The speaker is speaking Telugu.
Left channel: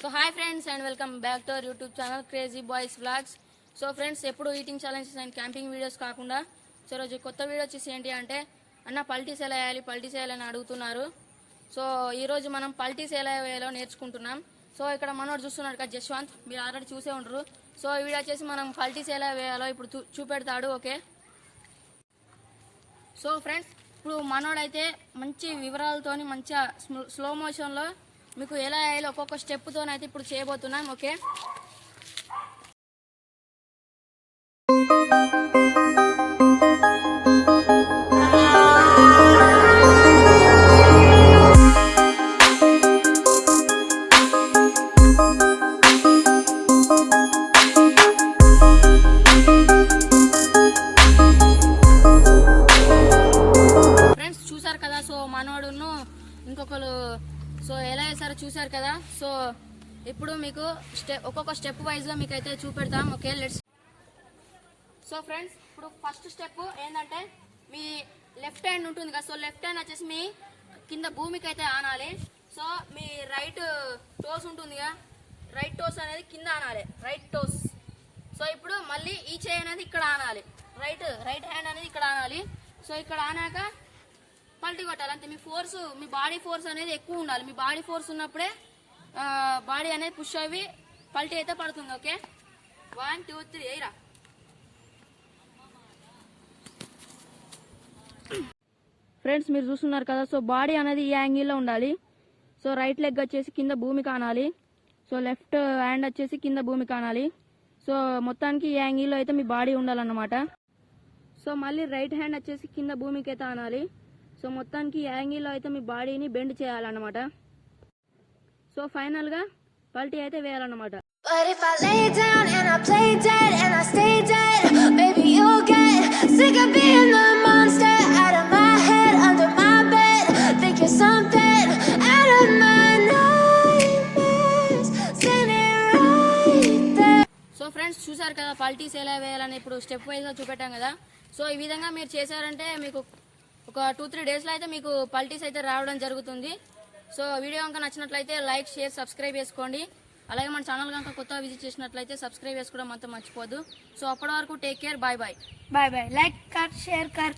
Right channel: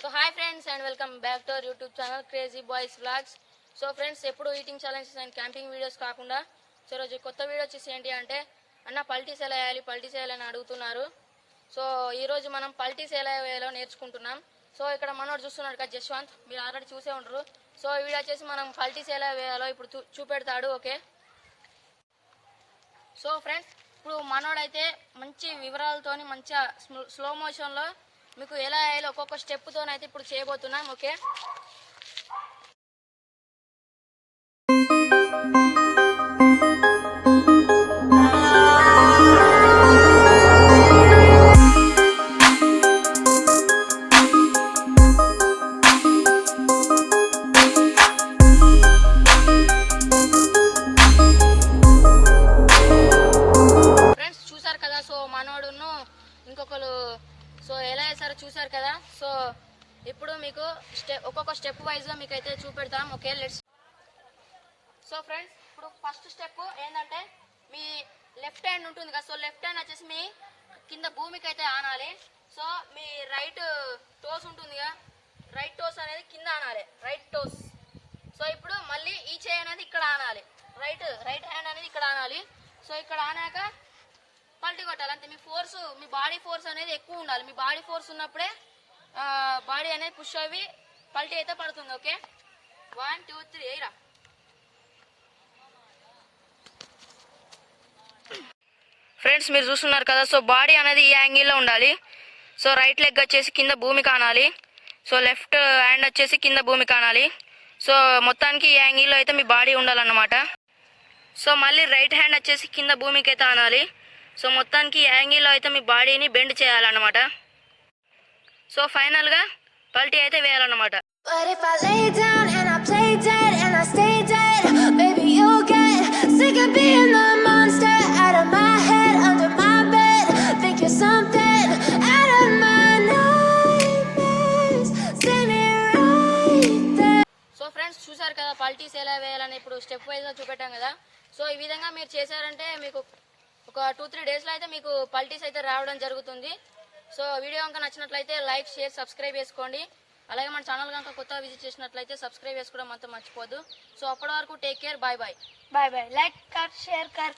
So hi friends and welcome back to our YouTube channel Crazy Boys Vlogs. So friends, ఎప్పుడు eating challenges and camping videos కాకుండా సో రోజు కొత్త వీడియో వచ్చేసి ఏంటి అంటే, అన్న పల్టీస్ ఎలా వేయాలి పల్టీస్ వేయాలని అడుగుతున్నారు. సో ఈరోజు మనం పల్టీస్ ఎలా వేయాలో నేర్చుకుంటున్నాం. సో ఇక్కడ మనోడు చూస్తున్నాడు కదా జశ్వంత్, మీరు ఆల్రెడీ చూసే ఉంటారు. సో ఈ వీడియో వచ్చేసి మనం పల్టీస్ ఎలా వేయాలో ఇప్పుడు చూపెడతాడు. ఓకే. సో ఫ్రెండ్స్, ఇప్పుడు మనోడైతే మంచి వివరాలతోని మంచిగా స్లో మోషన్లో మీకు ఎలా వేయాలో ఒక్కొక్క స్టెప్తోనైతే ఇప్పుడు చేయబోతున్నాం. ఓకే. ఫ్రెండ్స్ చూసారు కదా, సో మనోడును ఇంకొకరు సో ఎలా వేసారో చూసారు కదా. సో ఇప్పుడు మీకు ఒక్కొక్క స్టెప్ వైజ్గా మీకు అయితే చూపెడతాం. Okay, let's. సో ఫ్రెండ్స్, ఇప్పుడు ఫస్ట్ స్టెప్ ఏంటంటే, మీ లెఫ్ట్ హ్యాండ్ ఉంటుంది కదా, సో లెఫ్ట్ హ్యాండ్ వచ్చేసి మీ కింద భూమికి అయితే ఆనాలి. సో మీ రైట్ టోస్ ఉంటుంది కదా, రైట్ టోస్ అనేది కింద ఆనాలి, రైట్ టోస్. సో ఇప్పుడు మళ్ళీ ఈ చేయి అనేది ఇక్కడ ఆనాలి, రైట్ హ్యాండ్ అనేది ఇక్కడ ఆనాలి. సో ఇక్కడ ఆనాక పల్టీ కొట్టాలి అంతే. మీ ఫోర్స్, మీ బాడీ ఫోర్స్ అనేది ఎక్కువ ఉండాలి. మీ బాడీ ఫోర్స్ ఉన్నప్పుడే బాడీ అనేది పుష్ అవి పల్టీ అయితే పడుతుంది. ఓకే, 1 2 3 ఎయిరా. ఫ్రెండ్స్ మీరు చూస్తున్నారు కదా, సో బాడీ అనేది ఈ యాంగిల్లో ఉండాలి. సో రైట్ లెగ్ వచ్చేసి కింద భూమి కానాలి. సో లెఫ్ట్ హ్యాండ్ వచ్చేసి కింద భూమి కానాలి. సో మొత్తానికి ఈ యాంగిల్లో అయితే మీ బాడీ ఉండాలన్నమాట. సో మళ్ళీ రైట్ హ్యాండ్ వచ్చేసి కింద భూమికి అయితే ఆనాలి. సో మొత్తానికి యాంగిల్లో అయితే మీ బాడీని బెండ్ చేయాలన్నమాట. సో ఫైనల్గా పల్టీ అయితే వేయాలన్నమాట. సో ఫ్రెండ్స్ చూసారు కదా పల్టీస్ ఎలా వేయాలని ఇప్పుడు స్టెప్ వైజ్గా చూపెట్టాం కదా. సో ఈ విధంగా మీరు చేశారంటే మీకు ఒక 2-3 డేస్లో అయితే మీకు పల్టీస్ అయితే రావడం జరుగుతుంది. సో వీడియో కనుక నచ్చినట్లయితే లైక్ షేర్ సబ్స్క్రైబ్ చేసుకోండి. అలాగే మన ఛానల్ కనుక కొత్తగా విజిట్ చేసినట్లయితే సబ్స్క్రైబ్ చేసుకోవడం అంతా మర్చిపోద్దు. సో అప్పటి వరకు take care, bye bye. Bye bye. Like कर, शेयर कर.